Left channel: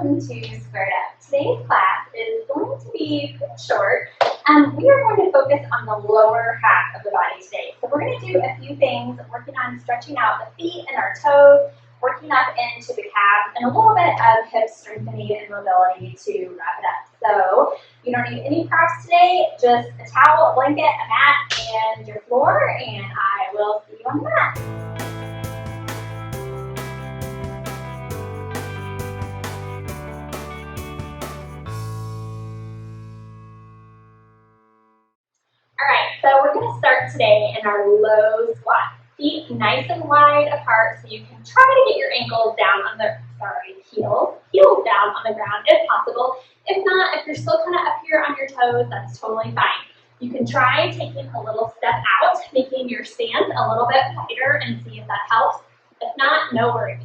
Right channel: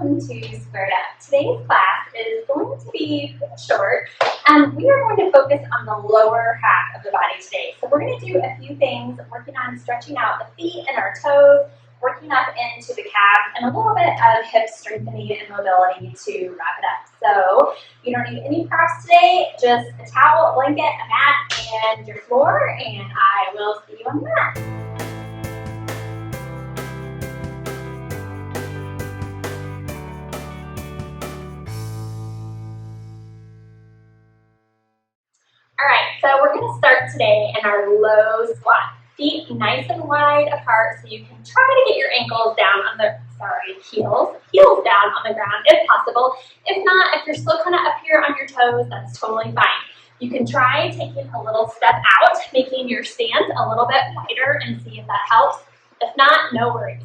welcome to Squared Up. Today's class is going to be pretty short. We are going to focus on the lower half of the body today. So we're going to do a few things, working on stretching out the feet and our toes, working up into the calves, and a little bit of hip strengthening and mobility to wrap it up. So you don't need any props today, just a towel, a blanket, a mat, and your floor, and I will see you on the mat. Alright, so we're going to start today in our low squat. Feet nice and wide apart so you can try to get your ankles down on the, heels down on the ground if possible. If not, if you're still kind of up here on your toes, that's totally fine. You can try taking a little step out, making your stance a little bit wider and see if that helps. If not, no worries.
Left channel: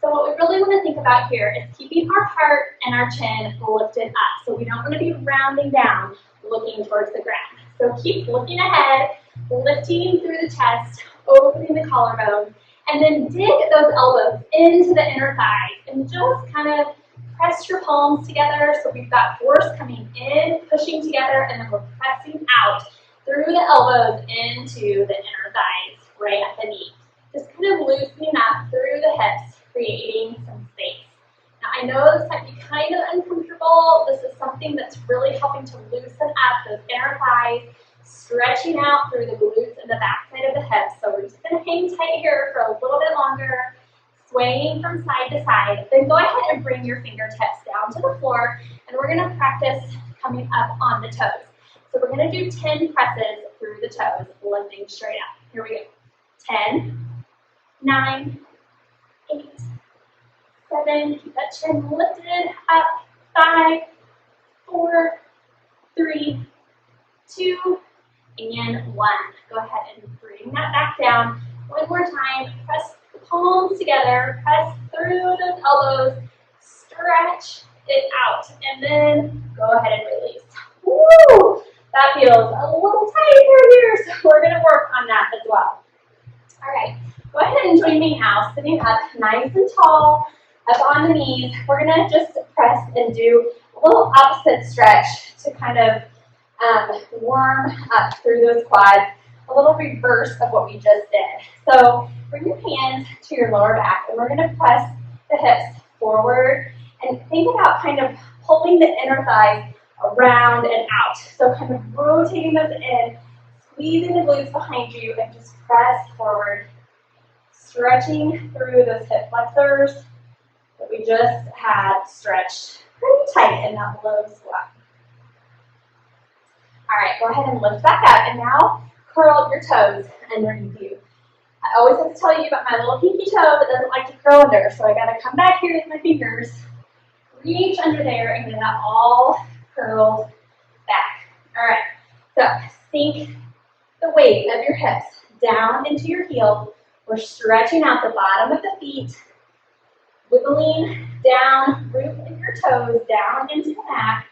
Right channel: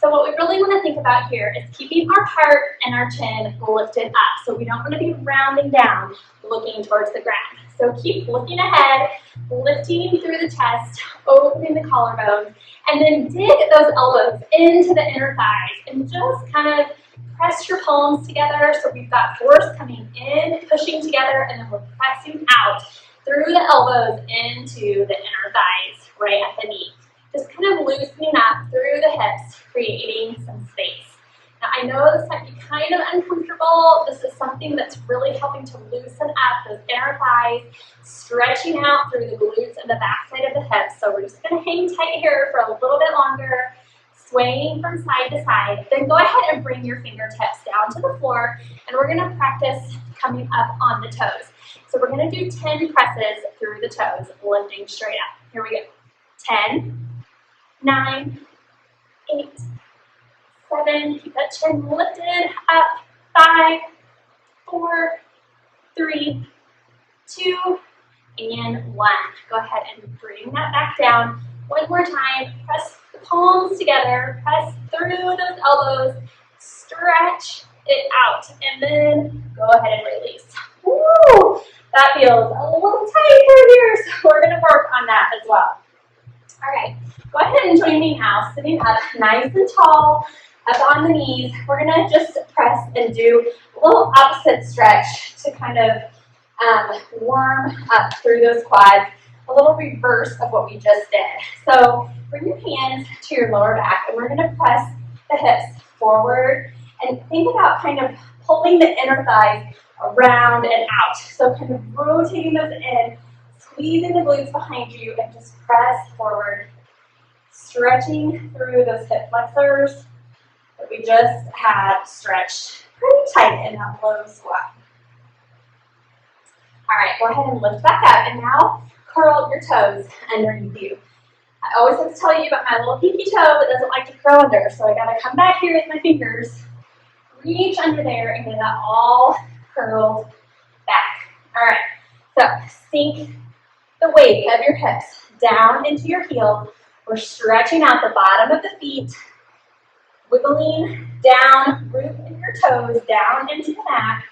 So what we really want to think about here is keeping our heart and our chin lifted up. So we don't want to be rounding down, looking towards the ground. So keep looking ahead, lifting through the chest, opening the collarbones, and then dig those elbows into the inner thighs and just kind of press your palms together. So we've got force coming in, pushing together, and then we're pressing out through the elbows into the inner thighs, right at the knee. Just kind of loosening up through the hips, creating some space. Now, I know this might be kind of uncomfortable. This is something that's really helping to loosen up those inner thighs, stretching out through the glutes and the backside of the hips. So we're just going to hang tight here for a little bit longer, swaying from side to side. Then go ahead and bring your fingertips down to the floor, and we're going to practice coming up on the toes. So we're going to do 10 presses through the toes, lifting straight up. Here we go. 10, 9, 8, 7, keep that chin lifted up, 5, 4, 3, 2, and 1. Go ahead and bring that back down. One more time, press the palms together, press through those elbows, stretch it out, and then go ahead and release. Woo! That feels a little tight through here, so we're going to work on that as well. All right, go ahead and join me now, sitting up nice and tall, up on the knees. We're going to just press and do a little opposite stretch to kind of warm up through those quads, a little reverse of what we just did. So bring your hands to your lower back, and we're going to press the hips forward and think about kind of pulling the inner thighs around and out. So kind of rotating those in, squeezing the glutes behind you, and just press forward, stretching through those hip flexors that we just had stretched pretty tight in that low squat. All right, go ahead and lift back up, and now curl your toes underneath you. I always have to tell you about my little pinky toe that doesn't like to curl under, so I gotta come back here with my fingers, reach under there, and get that all curled back. All right, so sink the weight of your hips down into your heels. We're stretching out the bottom of the feet, wiggling down, root of your toes down into the mat,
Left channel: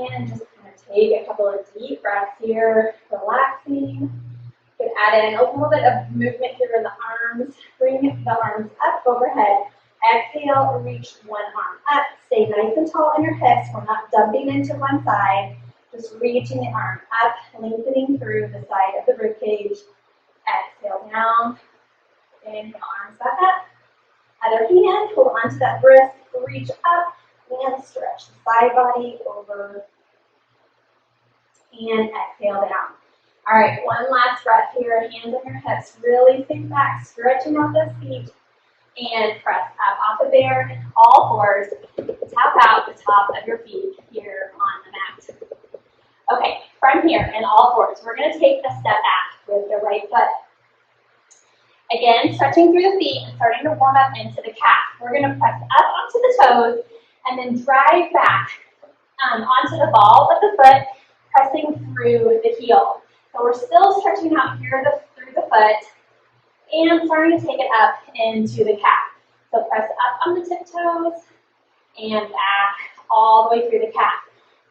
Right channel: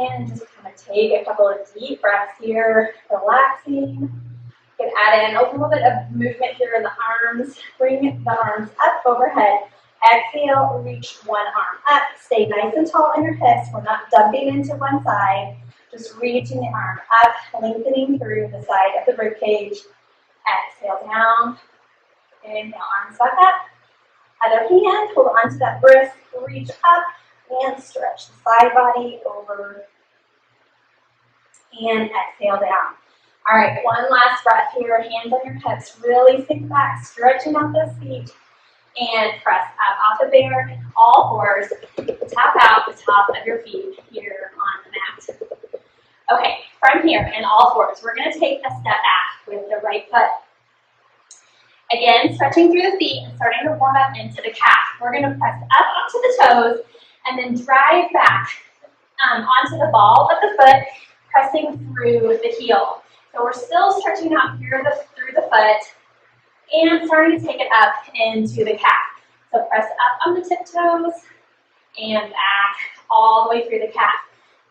and just kind of take a couple of deep breaths here, relaxing. You can add in a little bit of movement here in the arms. Bring the arms up overhead. Exhale, reach one arm up. Stay nice and tall in your hips. We're not dumping into one side. Just reaching the arm up, lengthening through the side of the rib cage. Exhale down. Inhale, arms back up. Other hand, hold on to that wrist, reach up, and stretch the side body over. And exhale down. All right, one last breath here. Hands on your hips. Really sink back, stretching out those feet. And press up off the bear, all fours. Tap out the top of your feet here on the mat. Okay, from here in all fours, we're going to take a step back with the right foot. Again, stretching through the feet and starting to warm up into the calf. We're going to press up onto the toes and then drive back onto the ball of the foot, pressing through the heel. So we're still stretching out here through the foot and starting to take it up into the calf. So press up on the tiptoes and back all the way through the calf.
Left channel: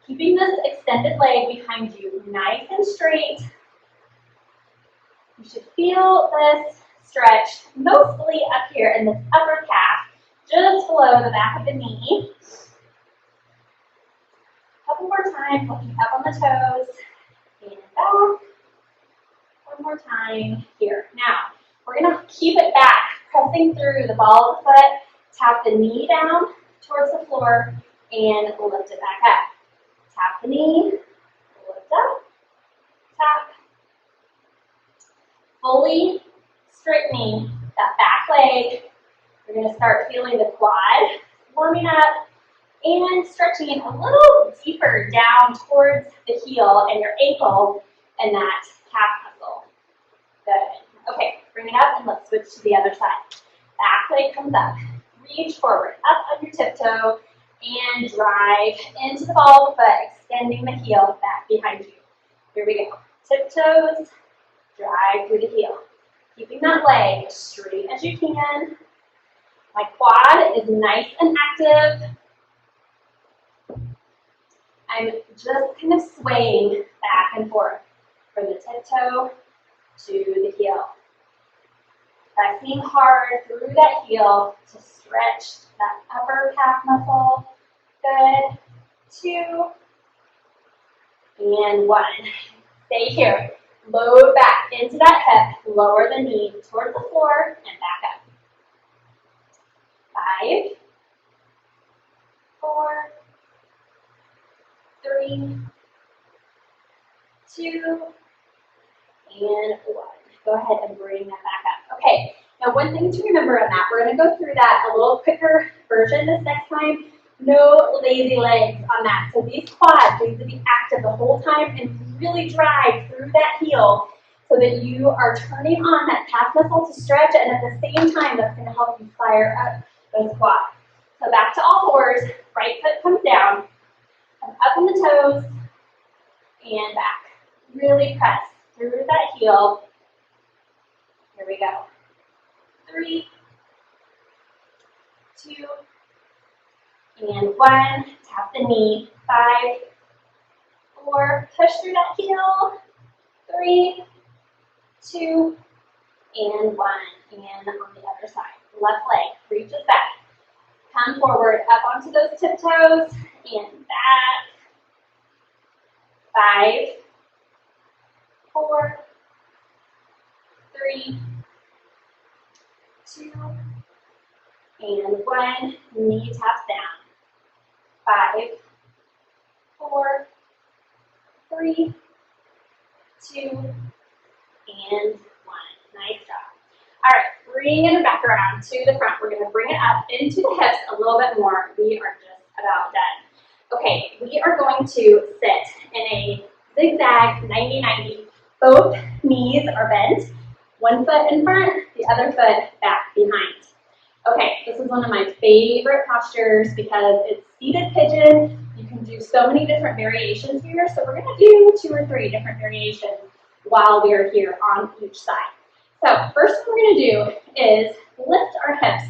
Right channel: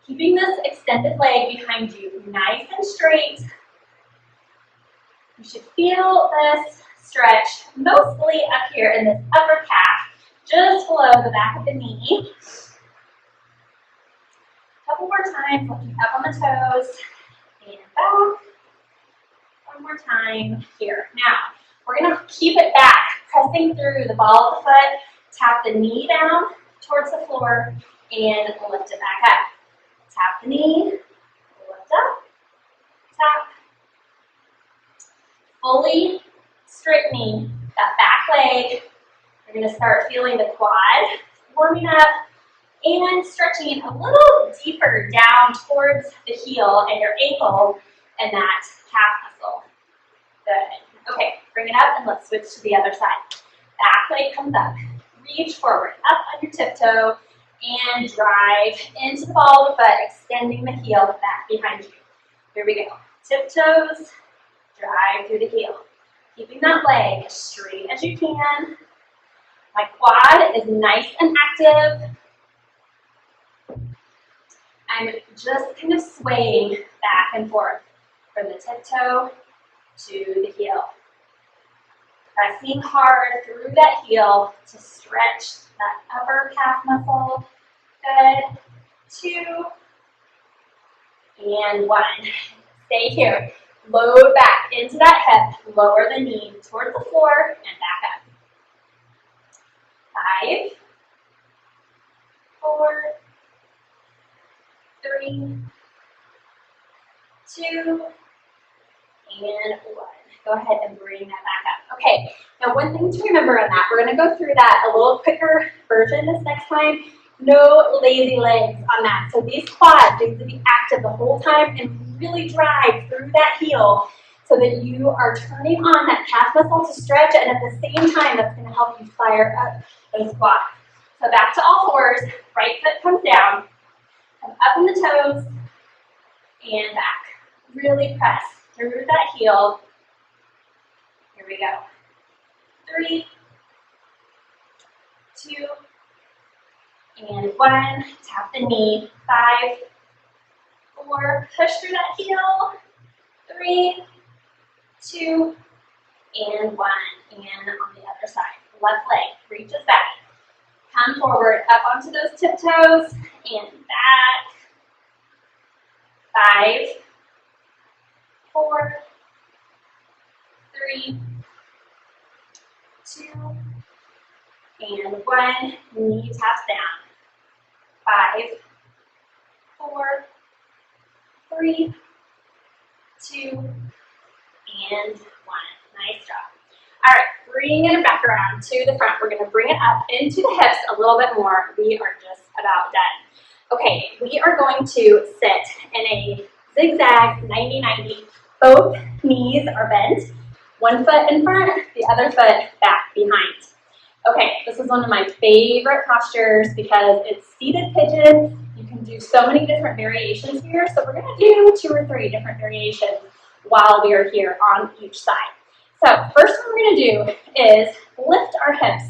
Keeping this extended leg behind you nice and straight. You should feel this stretch mostly up here in this upper calf, just below the back of the knee. Couple more times, looking up on the toes and back. One more time here. Now, we're gonna keep it back, pressing through the ball of the foot, tap the knee down towards the floor, and lift it back up. Tap the knee, lift up, tap. Fully straightening that back leg. You're gonna start feeling the quad warming up and stretching a little deeper down towards the heel and your ankle and that calf muscle. Good. Okay, bring it up and let's switch to the other side. Back leg comes up. Reach forward, up on your tiptoe, and drive into the ball of the foot, extending the heel back behind you. Here we go. Tiptoes, drive through the heel. Keeping that leg as straight as you can. My quad is nice and active. I'm just kind of swaying back and forth from the tiptoe to the heel. Pressing hard through that heel to stretch that upper calf muscle. Good. 2 and 1. Stay here. Load back into that hip. Lower the knee towards the floor and back up. 5, 4, 3, 2, and 1. Go ahead and bring that back up. Okay, now one thing to remember in that, we're going to go through that a little quicker version this next time. No lazy legs on that. So these quads need to be active the whole time and really drive through that heel so that you are turning on that calf muscle to stretch, and at the same time, that's going to help you fire up those quads. So back to all fours, right foot comes down, come up on the toes, and back. Really press through that heel. Here we go. 3, 2, and 1. Tap the knee. 5, 4. Push through that heel. 3, 2, and 1. And on the other side. Left leg reaches back. Come forward up onto those tiptoes and back. 5, 4, 3, 2, and 1. Knee taps down. 5, 4, 3, 2, and 1. Nice job. All right, bring it back around to the front. We're going to bring it up into the hips a little bit more. We are just about done. Okay, we are going to sit in a zigzag 90-90. Both knees are bent. One foot in front, the other foot back behind. Okay, this is one of my favorite postures because it's seated pigeon. You can do so many different variations here. So we're going to do 2 or 3 different variations while we are here on each side. So first one we're going to do is lift our hips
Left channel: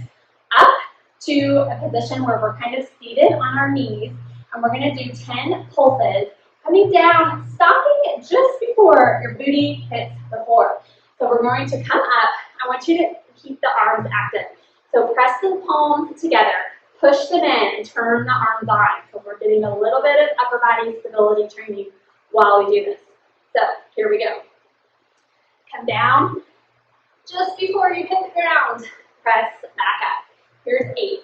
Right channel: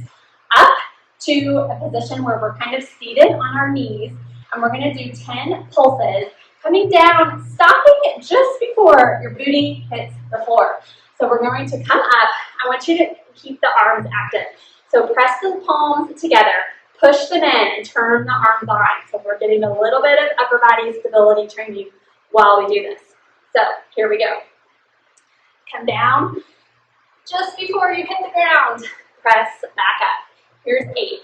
up to a position where we're kind of seated on our knees, and we're going to do 10 pulses, coming down, stopping just before your booty hits the floor. So we're going to come up. I want you to keep the arms active. So press the palms together, push them in, and turn the arms on. So we're getting a little bit of upper body stability training while we do this. So here we go. Come down. Just before you hit the ground, press back up. Here's 8,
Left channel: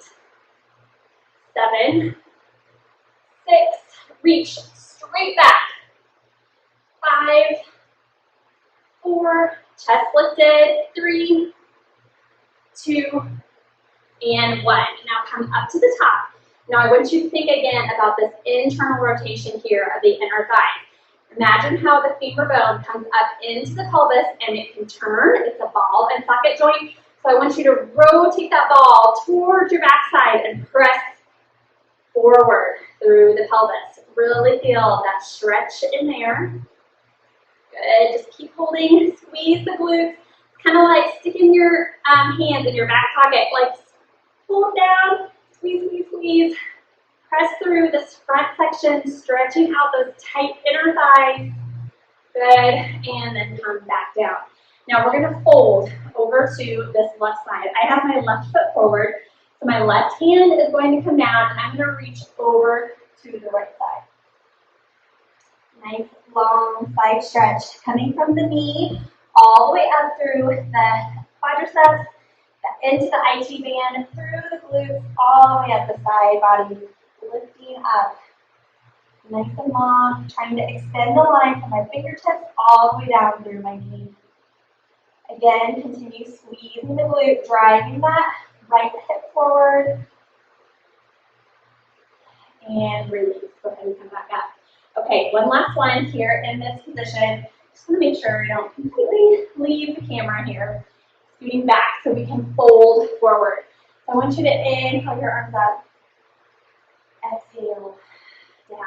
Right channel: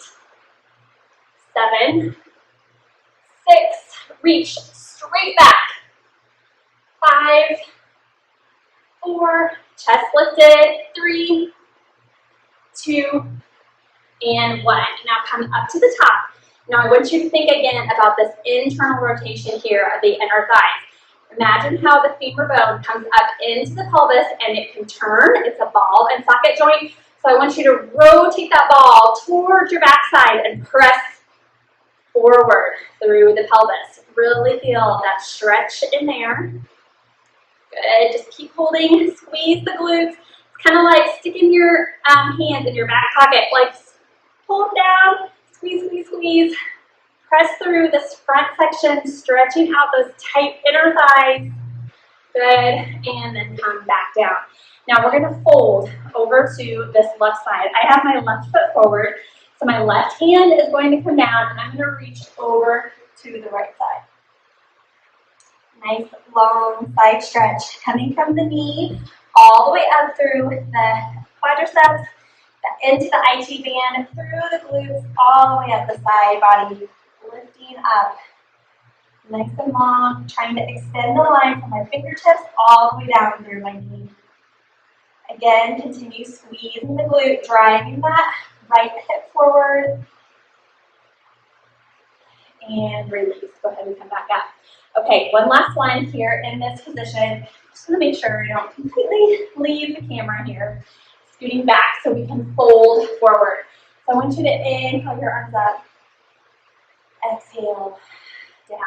7, 6, reach straight back. 5, 4, chest lifted. 3, 2, and 1. Now come up to the top. Now I want you to think again about this internal rotation here of the inner thighs. Imagine how the femur bone comes up into the pelvis and it can turn. It's a ball and socket joint. So I want you to rotate that ball towards your backside and press forward through the pelvis. Really feel that stretch in there. Good. Just keep holding. Squeeze the glutes. It's kind of like sticking your hands in your back pocket. Like pull them down. Squeeze, squeeze, squeeze. Press through this front section, stretching out those tight inner thighs. Good, and then come back down. Now we're gonna fold over to this left side. I have my left foot forward, so my left hand is going to come down and I'm gonna reach over to the right side. Nice long side stretch coming from the knee all the way up through the quadriceps, into the IT band, through the glutes, all the way up the side body, lifting up. Nice and long, trying to extend the line from my fingertips all the way down through my knee. Again, continue squeezing the glute, driving that right hip forward. And release. Go ahead and come back up. Okay, one last one here in this position. Just want to make sure you don't completely leave the camera here. Scooting back so we can fold forward. So I want you to inhale your arms up. Exhale down.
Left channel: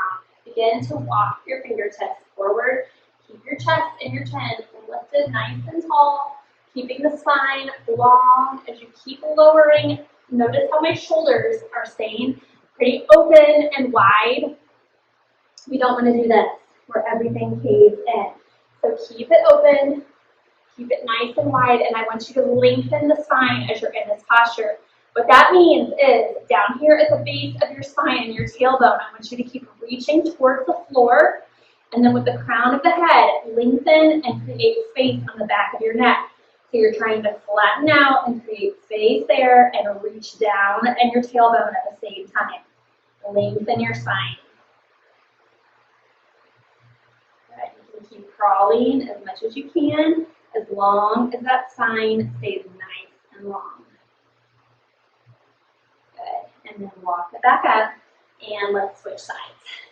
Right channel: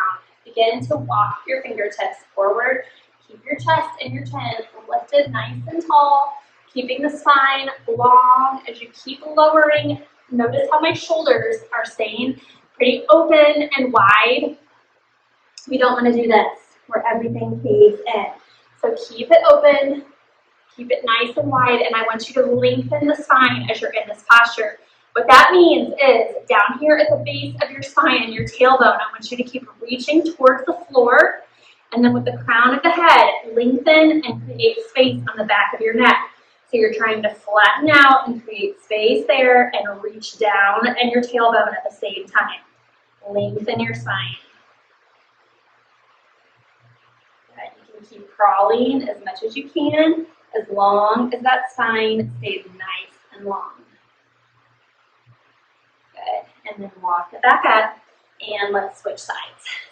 Begin to walk your fingertips forward. Keep your chest and your chin lifted nice and tall. Keeping the spine long as you keep lowering. Notice how my shoulders are staying pretty open and wide. We don't want to do this where everything caves in. So keep it open, keep it nice and wide, and I want you to lengthen the spine as you're in this posture. What that means is down here at the base of your spine and your tailbone, I want you to keep reaching towards the floor, and then with the crown of the head, lengthen and create space on the back of your neck. So you're trying to flatten out and create space there and reach down and your tailbone at the same time. Lengthen your spine. Good. You can keep crawling as much as you can, as long as that spine stays nice and long. Good. And then walk it back up, and let's switch sides.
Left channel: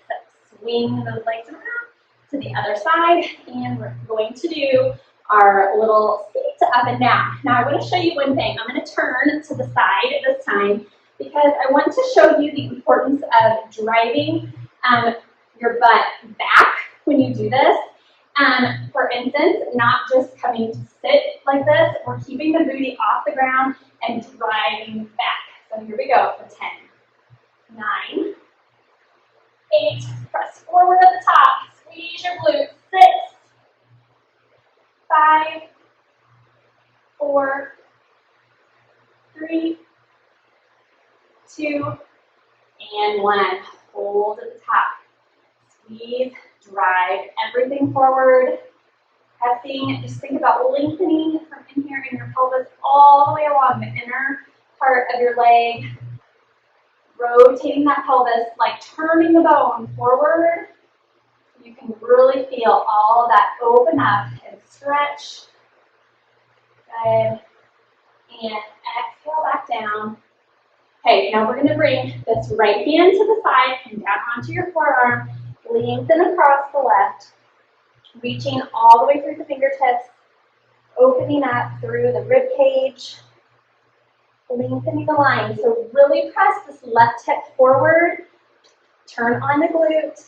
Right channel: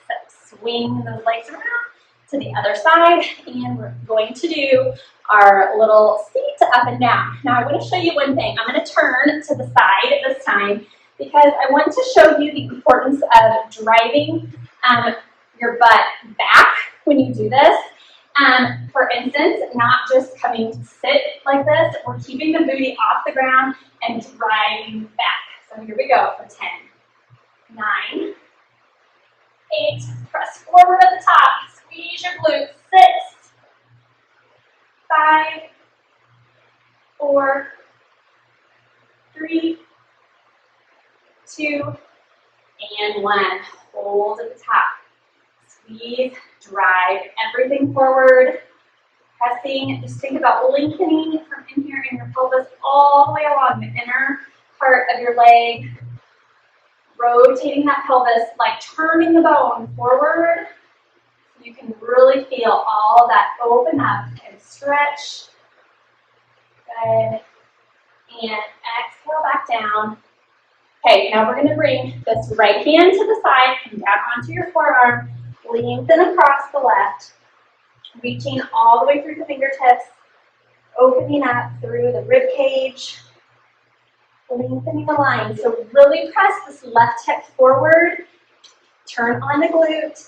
So swing those legs around to the other side, and we're going to do our little seat up and down. Now I want to show you one thing. I'm going to turn to the side this time because I want to show you the importance of driving your butt back when you do this. For instance, not just coming to sit like this, we're keeping the booty off the ground and driving back. So here we go for 10, 9, 8, press forward at the top, squeeze your glutes, 6, 5, 4, 3, 2, and 1. Hold at the top. Squeeze, drive everything forward. Pressing, just think about lengthening from in here in your pelvis all the way along the inner part of your leg. Rotating that pelvis, like turning the bone forward. You can really feel all that open up and stretch. Good. And exhale back down. Okay, now we're going to bring this right hand to the side, come down onto your forearm, lengthen across the left, reaching all the way through the fingertips, opening up through the rib cage, lengthening the line. So really press this left hip forward, turn on the glute,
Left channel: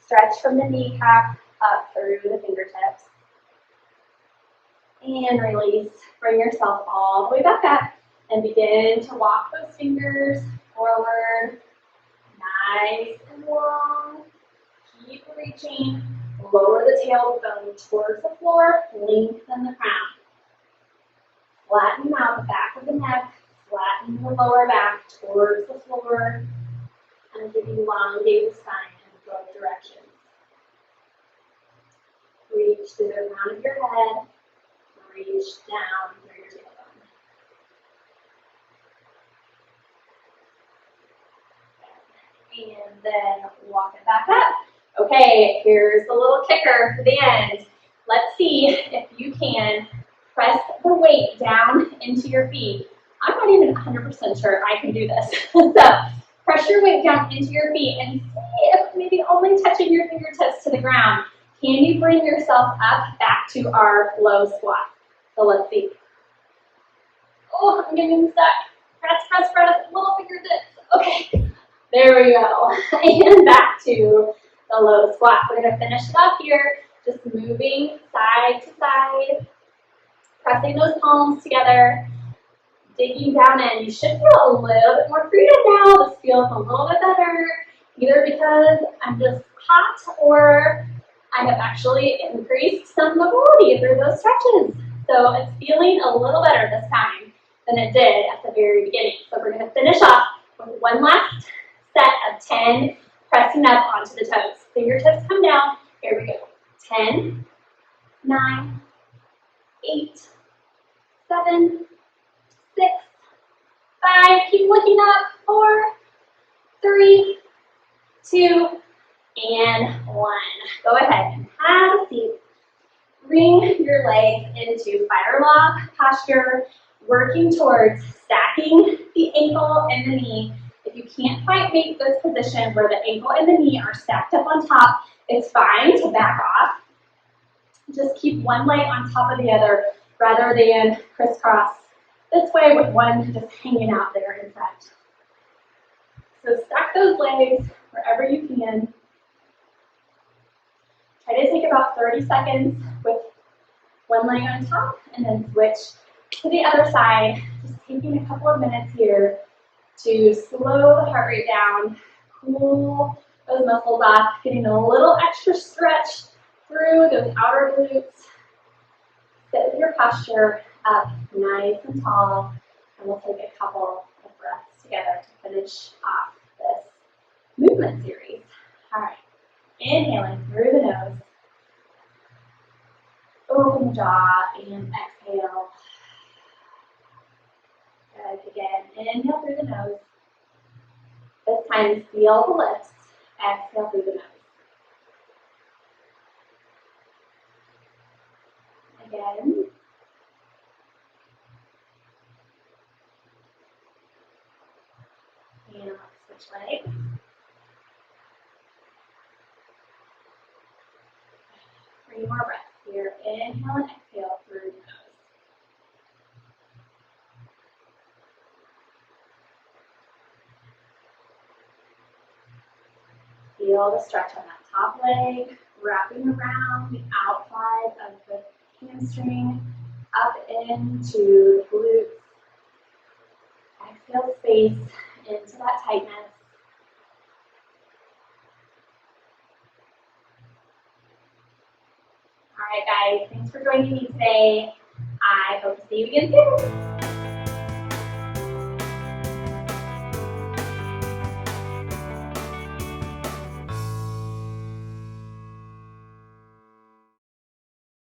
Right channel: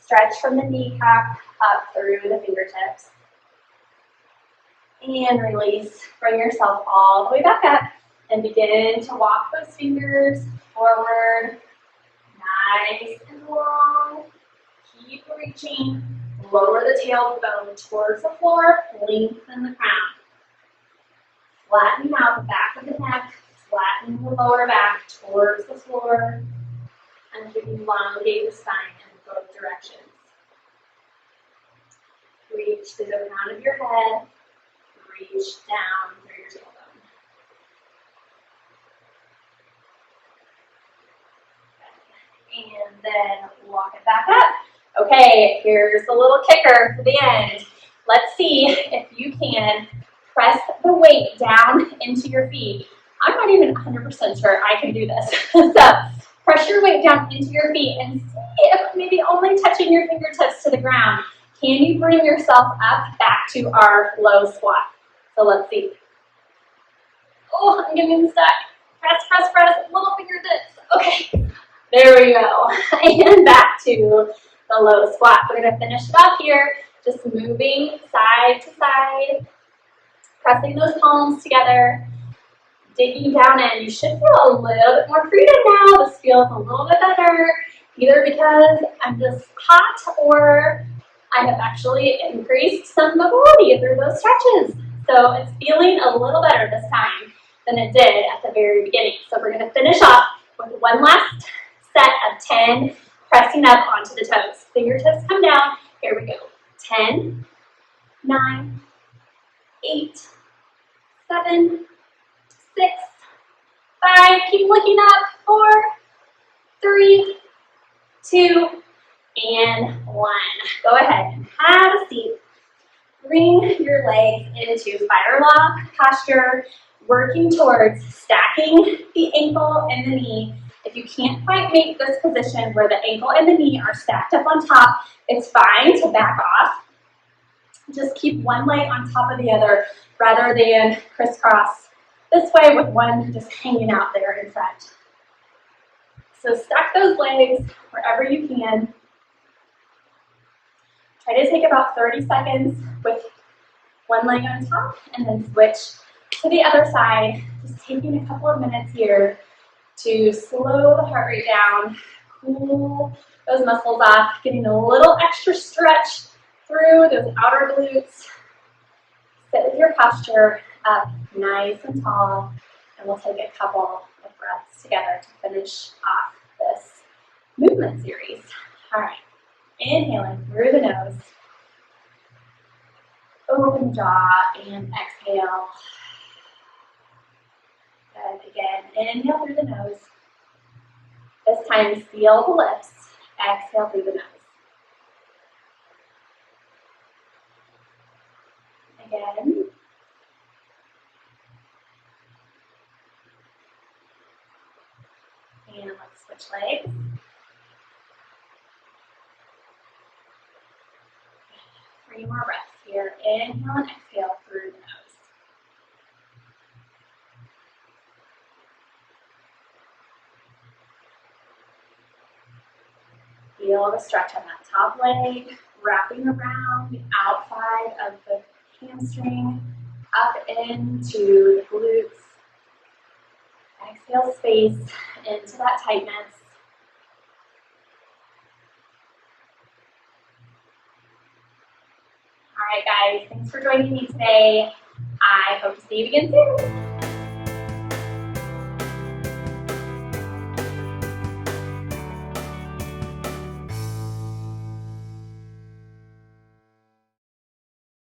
stretch from the kneecap up through the fingertips, and release. Bring yourself all the way back up and begin to walk those fingers forward, nice and long. Keep reaching, lower the tailbone towards the floor, lengthen the crown. Flatten out the back of the neck, flatten the lower back towards the floor, and elongate the spine in both directions. Reach to the crown of your head, reach down through your tailbone. And then walk it back up. Okay, here's the little kicker for the end. Let's see if you can press the weight down into your feet. I'm not even 100% sure I can do this. So press your weight down into your feet and see if maybe only touching your fingertips to the ground. Can you bring yourself up back to our low squat? So let's see. Oh, I'm getting stuck. Press, press, press, little fingertips. Okay. There we go. And back to the low squat. We're going to finish it off here, just moving side to side, pressing those palms together, digging down in. You should feel a little bit more freedom now. This feels a little bit better, either because I'm just hot or I have actually increased some mobility through those stretches. So it's feeling a little better this time than it did at the very beginning. So we're going to finish off with one last set of 10 pressing up onto the toes. Fingertips come down. Here we go. 10, 9, 8, 7, 6, 5. Keep looking up. 4, 3, 2, and 1. Go ahead and have a seat. Bring your legs into fire lock posture, working towards stacking the ankle and the knee. If you can't quite make this position where the ankle and the knee are stacked up on top, it's fine to back off. Just keep one leg on top of the other rather than crisscross this way with one just hanging out there in front. So stack those legs wherever you can. Try to take about 30 seconds with one leg on top and then switch to the other side. Just taking a couple of minutes here to slow the heart rate down, cool those muscles off, getting a little extra stretch through those outer glutes. Sit with your posture up nice and tall, and we'll take a couple of breaths together to finish off this movement series. All right, inhaling through the nose. Open the jaw and exhale. Good. Again, inhale through the nose. This time, seal the lips. Exhale through the nose. Again. And let's switch legs. Three more breaths here. Inhale and exhale through the nose. Feel the stretch on that top leg, wrapping around the outside of the hamstring, up into the glutes. Exhale space into that tightness. All right, guys, thanks for joining me today. I hope to see you again soon.